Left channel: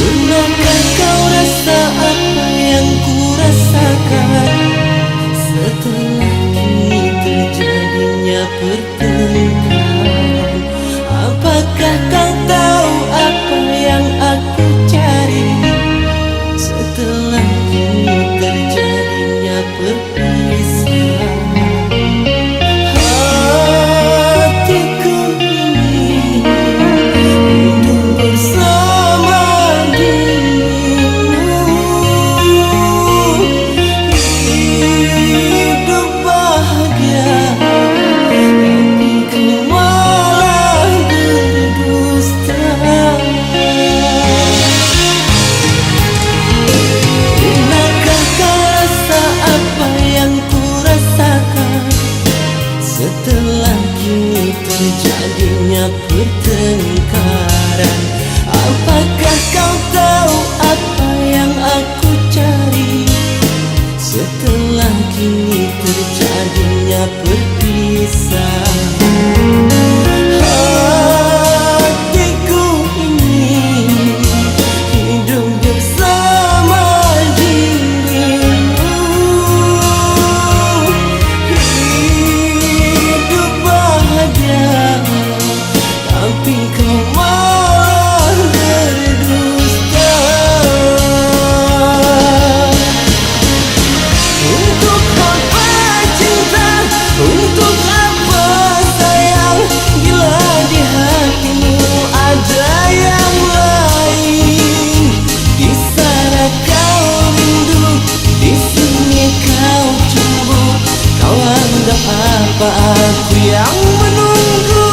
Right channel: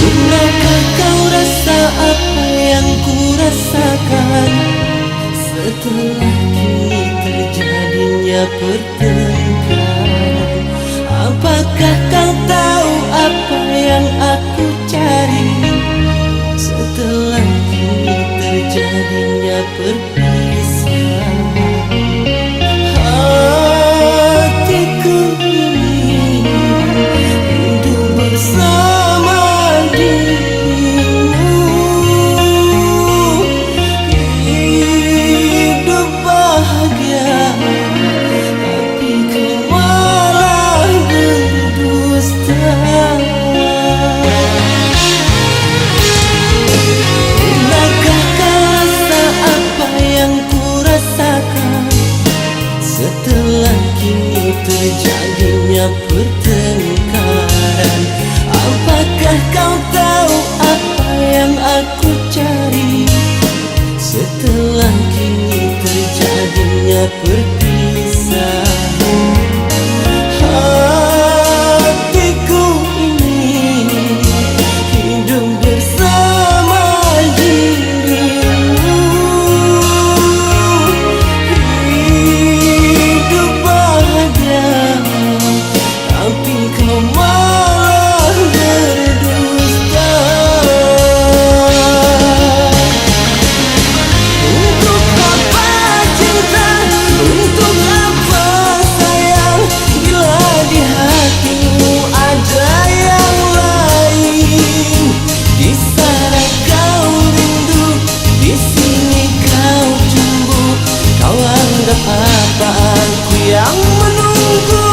Pernahkah kau rasa apa yang ku rasakan? Setelah kini terjadinya pertengkaran, apakah kau tahu apa yang aku cari? Setelah kini terjadinya perpisahan, hatiku ingin hidup bersama dirimu, hidup bahagia, tapi kau malah berdusta. Pernahkah kau rasa apa yang ku rasakan? Setelah kini terjadinya pertengkaran, apakah kau tahu apa yang aku cari? Setelah kini terjadinya perpisahan, hatiku ingin hidup bersama dirimu, hidup bahagia, tapi kau malah berdusta. Untuk apa cinta, untuk apa sayang, bila di hatimu ada yang lain? Di sana kau rindu, di sini kau cembu. Kau anggap apa aku yang menunggu?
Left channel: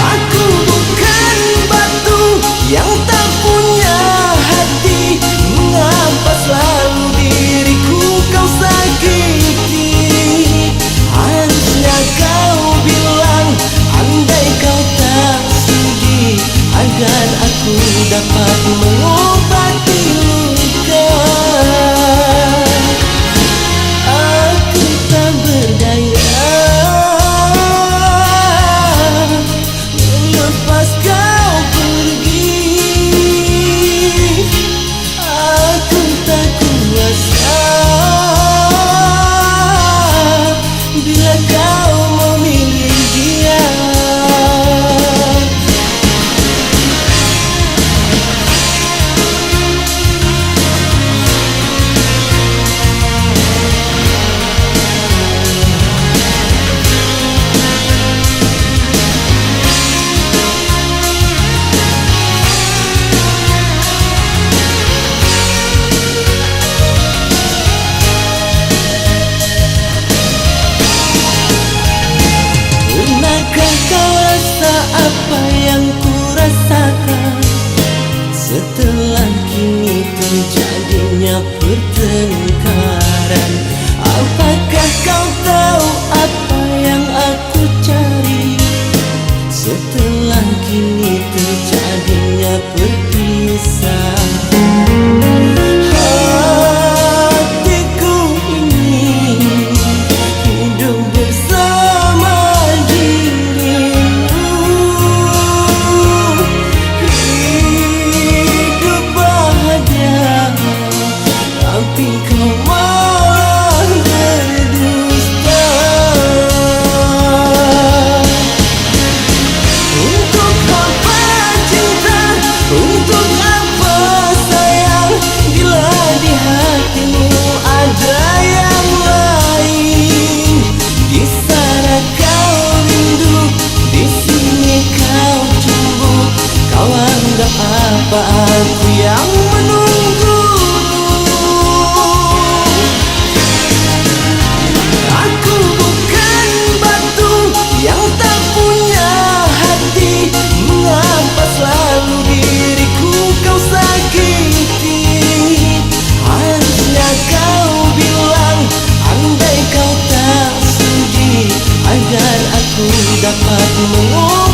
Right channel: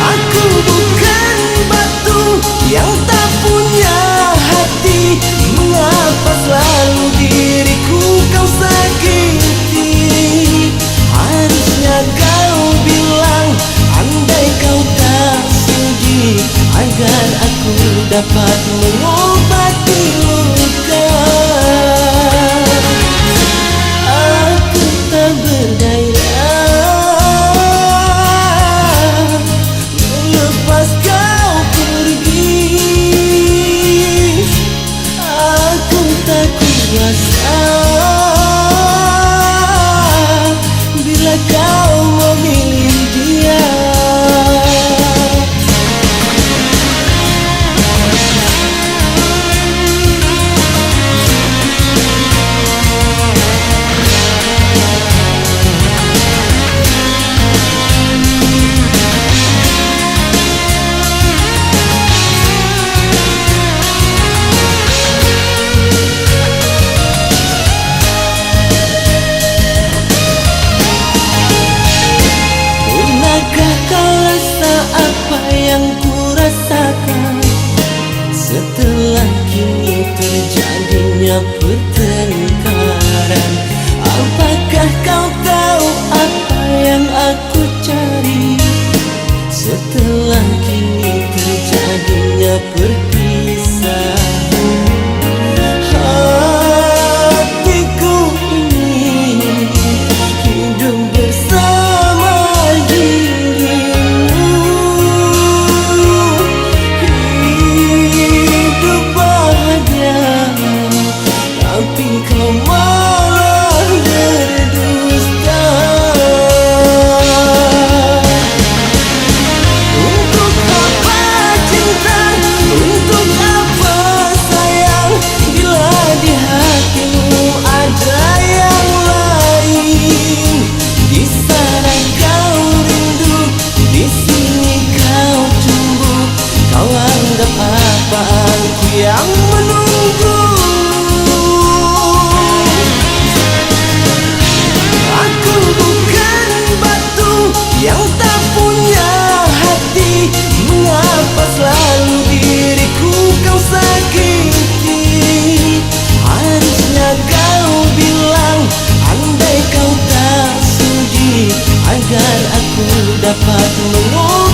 Aku bukan batu yang tak punya hati. Mengapa selalu diriku kau sakiti? Harusnya kau bilang andai kau tak sudi, agar aku dapat mengobati luka. Aku tak berdaya melepas kau pergi. Aku tak kuasa bila kau memilih dia. Pernahkah kau rasa apa yang ku rasakan? Setelah kini terjadinya pertengkaran, apakah kau tahu apa yang aku cari? Setelah kini terjadinya perpisahan, hatiku ingin hidup bersama dirimu, hidup bahagia, tapi kau malah berdusta. Untuk apa cinta, untuk apa sayang, bila di hatimu ada yang lain? Di sana kau rindu, di sini kau cembu. Kau anggap apa aku yang menunggu? Aku bukan batu yang tak punya hati. Mengapa selalu diriku kau sakiti? Harusnya kau bilang andai kau tak sudi, agar aku dapat mengobati